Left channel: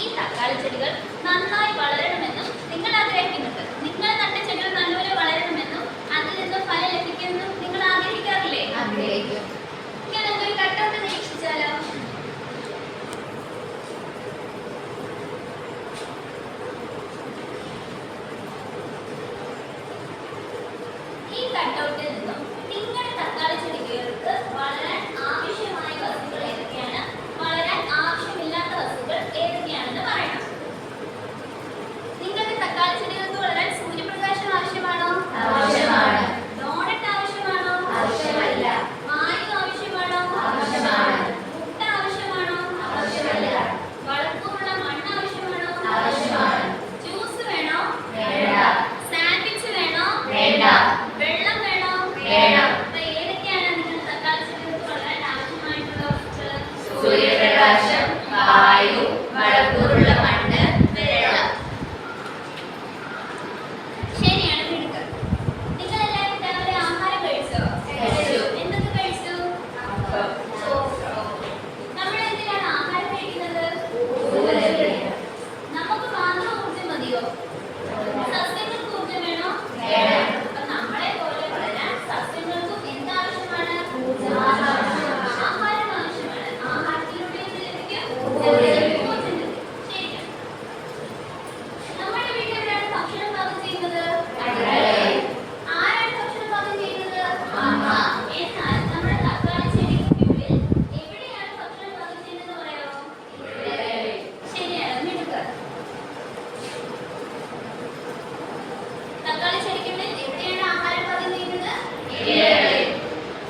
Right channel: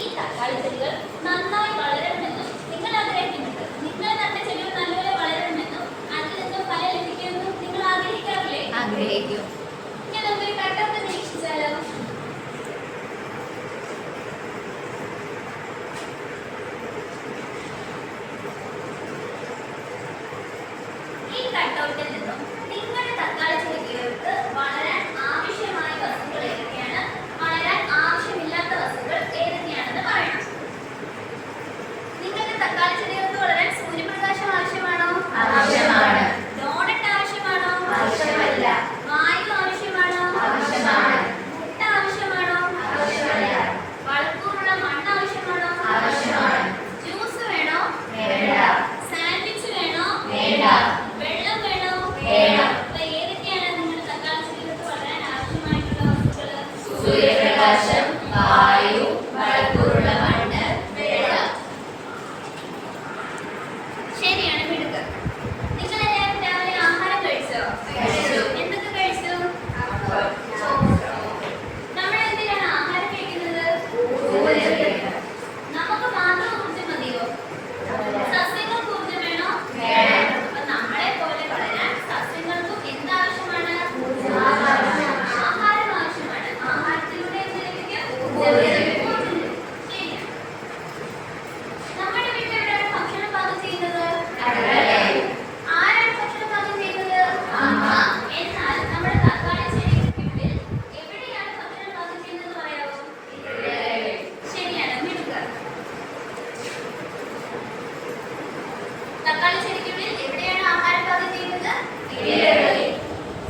ഈ തക്കാളി ചെടികൾ നന്നായി വളരണമെന്നും നിങ്ങൾ ആഗ്രഹിക്കുന്നുണ്ട്. നിങ്ങൾ നട്ട ചെടികൾ നല്ലപോലെ വളരണമെന്നും അതിൽ നിന്ന് ഫലം ലഭിക്കുമെന്നും നിങ്ങൾ ആഗ്രഹിക്കാറില്ലേ? ആഗ്രഹിക്കും. ഇങ്ങനെ നമുക്കൊരു കട്ടൗട്ട് നിരീക്ഷിച്ചാലോ? ഈ കട്ടൗട്ടിൽ നിന്നും നിങ്ങളുടെ തക്കാളി ചെടികൾക്ക് വളരാൻ ആവശ്യമായ വസ്തുക്കൾ ഏതൊക്കെയാണ്, വളരാൻ ആവശ്യമില്ലാത്ത വസ്തുക്കൾ ഏതൊക്കെയാണെന്ന് പറയണം. നിങ്ങളുടെ തക്കാളി ചെടികൾക്ക് വളരാൻ സൂര്യപ്രകാശം ആവശ്യമാണോ? ആവശ്യമാണ്. ഡോണറ്റ് ആവശ്യമാണോ? ആവശ്യമല്ല. വായു ആവശ്യമാണോ? ആവശ്യമാണ്. മുട്ട ആവശ്യമാണോ? ആവശ്യമല്ല. വളക്കൂറുള്ള മണ്ണ് ആവശ്യമാണോ? ആവശ്യമാണ്. ജ്യൂസ് വേണോ? വേണ്ട. സാൻഡ്വിച്ച് വേണോ? വേണ്ട. വെള്ളം വേണോ? വേണം. അപ്പൊ ഏതൊക്കെയാണ് നിങ്ങൾ തക്കാളി ചെടികൾക്ക് വളരാൻ ആവശ്യമായിട്ടുള്ള വസ്തുക്കൾ? സൂര്യപ്രകാശം, വായു, വളക്കൂറുള്ള മണ്ണ്, വെള്ളം. ശരിയാണ്, മിടുക്ക്. നിങ്ങൾ എല്ലാവരും രാവിലെ ആഹാരം കഴിച്ചോ? കഴിച്ചു. എന്തൊക്കെ കഴിച്ചു? നമ്മൾ എന്തിനാണ് ആഹാരം കഴിക്കുന്നത്? നമുക്ക് മാത്രം ഊർജ്ജം മതിയോ? സസ്യങ്ങൾക്ക് ഊർജ്ജം വേണോ? വേണം. അപ്പൊ നമ്മളെ പോലെ വളരാൻ സസ്യങ്ങൾക്കും എന്താവശ്യമാണ്? ആഹാരം ആവശ്യമാണ്. ആഹാരത്തിലൂടെ എന്ത് ലഭിക്കും? ഊർജ്ജം ലഭിക്കും. ശരിയാണ്. നമ്മുടെ വീട്ടിൽ എവിടെയാണ് ഭക്ഷണം പാകം ചെയ്യുന്നത്? അടുക്കളയിൽ. ആരാണ് ഭക്ഷണം പാകം ചെയ്യുന്നത്? അമ്മ. എന്നാൽ നമ്മുടെ തക്കാളി ചെടികൾക്കുള്ളിൽ എവിടെയാണ് ഭക്ഷണം പാകം ചെയ്യുന്നത് പറയാമോ? ശരിയാണ്, മിടുക്ക്. തക്കാളി ചെടിക്കുള്ളിൽ എവിടെയാണ് ആഹാരം പാകം ചെയ്യുന്നത്? ഇലകളിൽ.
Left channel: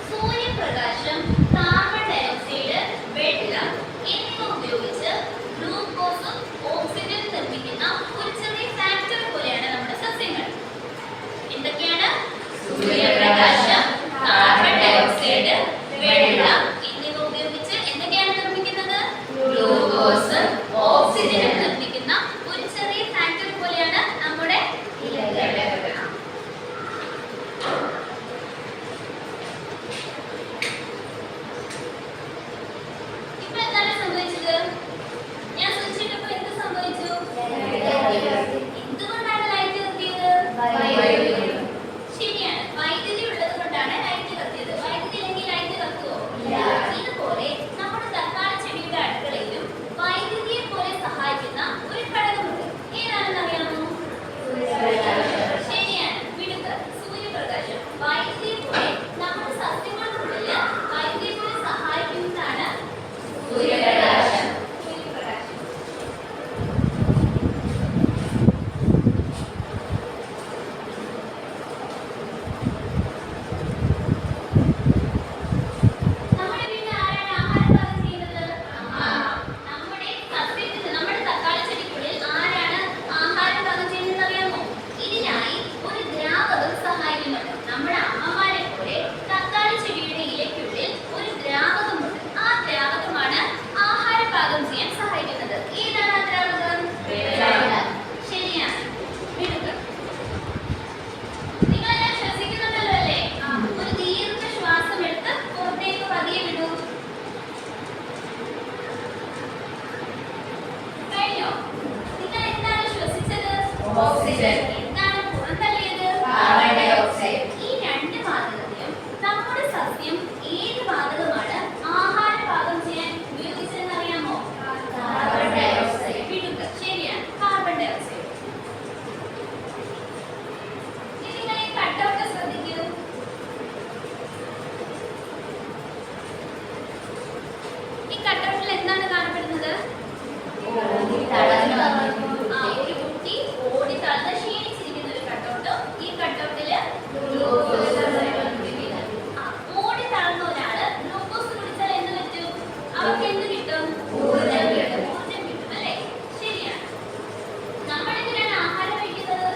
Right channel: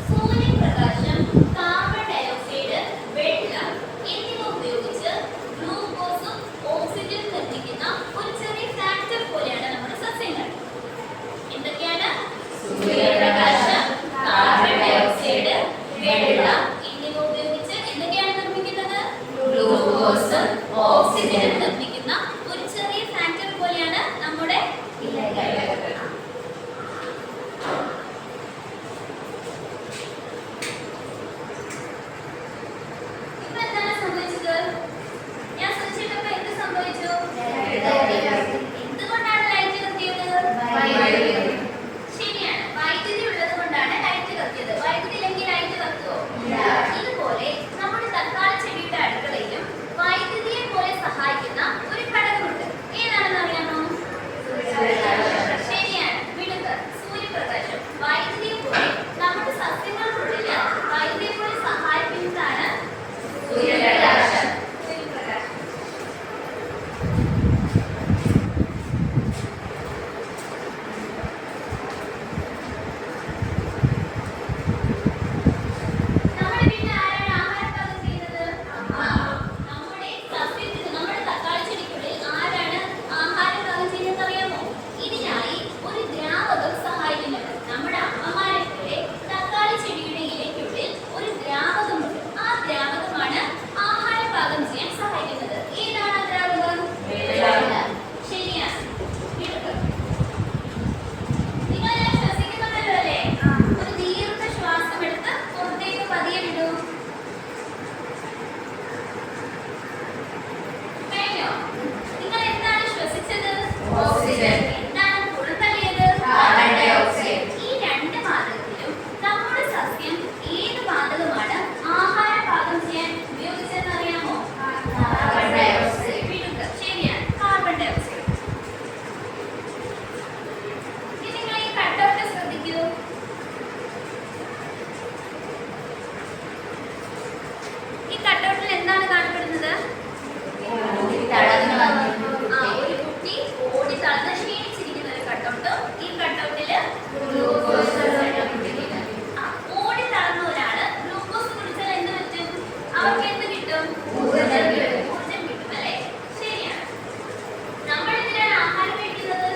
സൂര്യപ്രകാശം, കാർബൺ ഡയോക്സൈഡ്, വെള്ളം എന്നിവ ഉപയോഗിച്ച് ഗ്ലൂക്കോസും ഓക്സിജനും നിർമ്മിക്കുന്ന ഒരു ചെറിയ ഫാക്ടറി പോലെയാണ് നമ്മുടെ സസ്യങ്ങൾ. എന്തൊക്കെയാണ്? സൂര്യപ്രകാശം, കാർബൺ ഡയോക്സൈഡ്, വെള്ളം എന്നിവ ഉപയോഗിച്ച് എന്തൊക്കെയാണ് നിർമ്മിക്കുന്നത്? ഗ്ലൂക്കോസും ഓക്സിജനും നിർമ്മിക്കുന്ന ഒരു ചെറിയ ഫാക്ടറി പോലെയാണ് നമ്മുടെ ഇലകൾ. ഇപ്പൊ എന്താണ് സംഭവിച്ചത്? ഞാൻ സ്വിച്ചിട്ടപ്പോ എന്ത് സംഭവിച്ചു? എന്തുകൊണ്ടാണ് ലൈറ്റ് കത്തിയത്? ശരിയാണ്, വൈദ്യുതി ഉള്ളത് കൊണ്ടാണ് ലൈറ്റ് കത്തിയത്. വൈദ്യുതി ഇല്ലെങ്കിൽ ലൈറ്റ് കത്തുവോ? ഇതുപോലെ നമ്മുടെ തക്കാളി ചെടിയുടെ അടുക്കളയിലും വൈദ്യുതിയെ പോലെ സഹായിക്കുന്ന ഒരു ഘടകമുണ്ട്. ഏതാണെന്ന് അറിയാമോ? ശരിയാണ്, മിടുക്ക്. സൂര്യപ്രകാശം. വൈദ്യുതിയെ പോലെ നമ്മുടെ സസ്യങ്ങൾക്കുള്ളിൽ വൈദ്യുതിയെ പോലെ സഹായിക്കുന്നതാണ് സൂര്യപ്രകാശം. സൂര്യപ്രകാശം. നമ്മുടെ വീട്ടിൽ ആരാണ് ആഹാരം പാകം ചെയ്യുന്നത്? നമ്മുടെ സസ്യത്തിൽ, നമ്മുടെ തക്കാളി ചെടിക്കുള്ളിൽ ആരാണ് ആഹാരം പാകം ചെയ്യുന്നത് അറിയാമോ? ഇതിനായി ഒരു ദ്രാവകം സഹായിക്കുന്നുണ്ട്. നമ്മുടെ അമ്മമാരെ പോലെ തക്കാളി ചെടിയുടെ ഇലയ്ക്കുള്ളിൽ ഒരു ദ്രാവകമുണ്ട്. ആ ദ്രാവകമാണ് ആഹാരം പാകം ചെയ്യാൻ സഹായിക്കുന്നത്. ഏതാണ് ആ ദ്രാവകം? വെള്ളം. ശരിയാണ്, മിടുക്ക്. നിങ്ങളെല്ലാം ശ്വസിക്കുന്നുണ്ടല്ലോ അല്ലേ? ഒരു ദീർഘ ശ്വാസം എടുത്ത് പുറത്തേക്ക് പതിയെ വിടൂ. കഴിഞ്ഞോ? നിങ്ങൾ എന്താണ് ശ്വസിച്ചത്? ഓക്സിജൻ. എന്താണ് പുറത്തള്ളിയത്? Carbon dioxide. ഈ രണ്ട് വാതകത്തിലും നമ്മുടെ സസ്യം ഏത് വാതകമാണ് ആഹാരം പാകം ചെയ്യാൻ ഉപയോഗിച്ചതെന്ന് അറിയാമോ? Carbon dioxide. മിടുക്ക്. ശരിയാണ്, കാർബൺ ഡയോക്സൈഡ്. ഇനി നിങ്ങൾ ഈ കട്ടൗട്ട് ശ്രദ്ധിക്കൂ. ഈ കട്ടൗട്ടിൽ എന്താണ് കാണപ്പെടുന്നത്? ഒരു കുട്ടി ഓടി തളർന്ന് ക്ഷീണിച്ചിരിക്കുന്ന ഒരു കട്ടൗട്ട്. ഈ കട്ടൗട്ടില് ഓടി തളർന്ന ഒരാള് ഗ്ലൂക്കോസ് കുടിച്ചാൽ എന്ത് പറ്റും? അവർക്ക് എന്ത് കിട്ടും? ഊർജ്ജം കിട്ടും. ഊർജ്ജം കിട്ടും അല്ലേ? ശരിയാണ്. നമ്മൾ എന്തിനാണ് ആഹാരം കഴിക്കുന്നത്?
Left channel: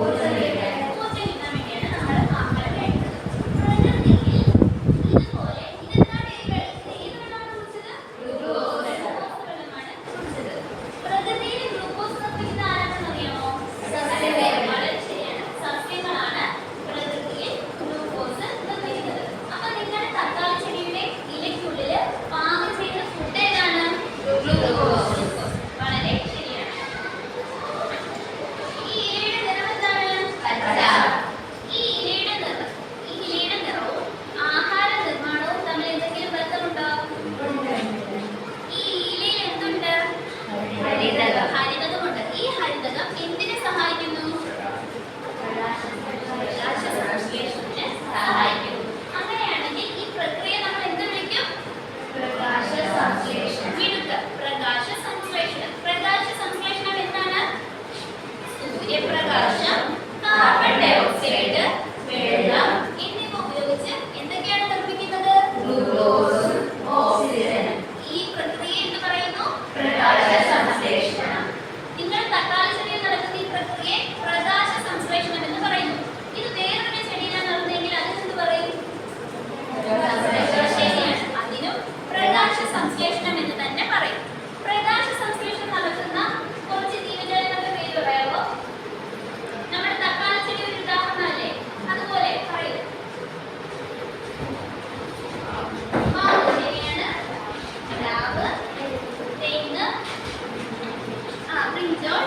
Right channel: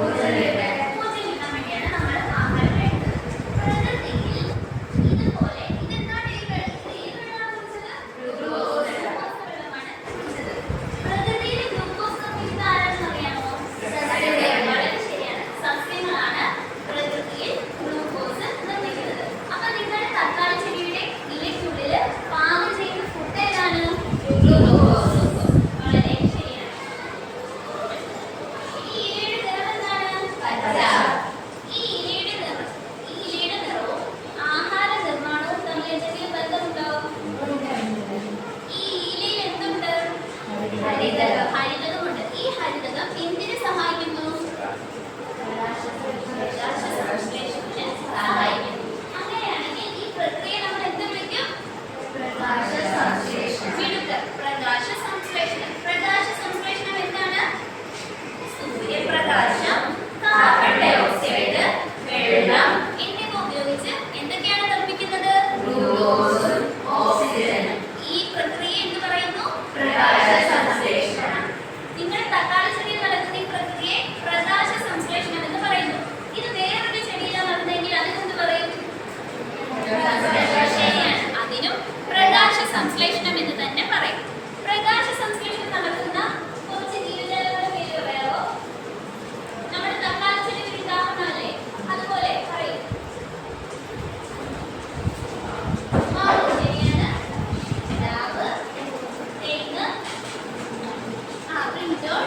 ഊർജ്ജം കിട്ടാൻ. ഊർജ്ജം കിട്ടാൻ വേണ്ടിയാണ് നമ്മൾ ആഹാരം കഴിക്കുന്നത്. പ്രകൃതിയിൽ ഇതുപോലെ ഇതെന്താണ് ഇത് ഏത് വെള്ളമാണ് കുടിച്ചത്? ഗ്ലൂക്കോസ്. ഗ്ലൂക്കോസ് വെള്ളമാണ് കുടിച്ചത്. പ്രകൃതിയിൽ ഗ്ലൂക്കോസ് നിർമ്മിക്കുന്നത് ആരാണെന്ന് അറിയാമോ? സസ്യങ്ങൾ. വളരെ ശരിയാണ്, സസ്യങ്ങളാണ് പ്രകൃതിയിൽ ഗ്ലൂക്കോസ് നിർമ്മിക്കുന്നത്. അപ്പൊ നിങ്ങളുടെ തക്കാളി ചെടിയുടെ ഇലയ്ക്കുള്ളിൽ പാകം ചെയ്യുന്ന ഫുഡ് ഏതാണ്? ഗ്ലൂക്കോസ്. വളരെ തക്കാളി ചെടിയിൽ നടക്കുന്ന ഈ പ്രക്രിയയെ പ്രകാശ സംശ്ലേഷണം എന്ന് പറയുന്നു. ഇത് വേറൊരു ചെടിയിലാണ് നടന്നതെങ്കിൽ അതിനെന്ത് പറയും? ശരിയാണ്, അതിനും പ്രകാശ സംശ്ലേഷണം എന്ന് തന്നെ പറയും. പ്രകാശ സംശ്ലേഷണം നടക്കുന്ന കുറച്ച് ജീവജാലങ്ങളുടെ പേര് പറയാമോ? നമ്മുടെ തക്കാളി ചെടി ഒരു ഉദാഹരണമല്ലേ? അതുപോലെ പറയൂ. ശരിയാണ്. പ്ലാവ്, തെങ്ങ്, ബ്രിഞ്ചോൾ,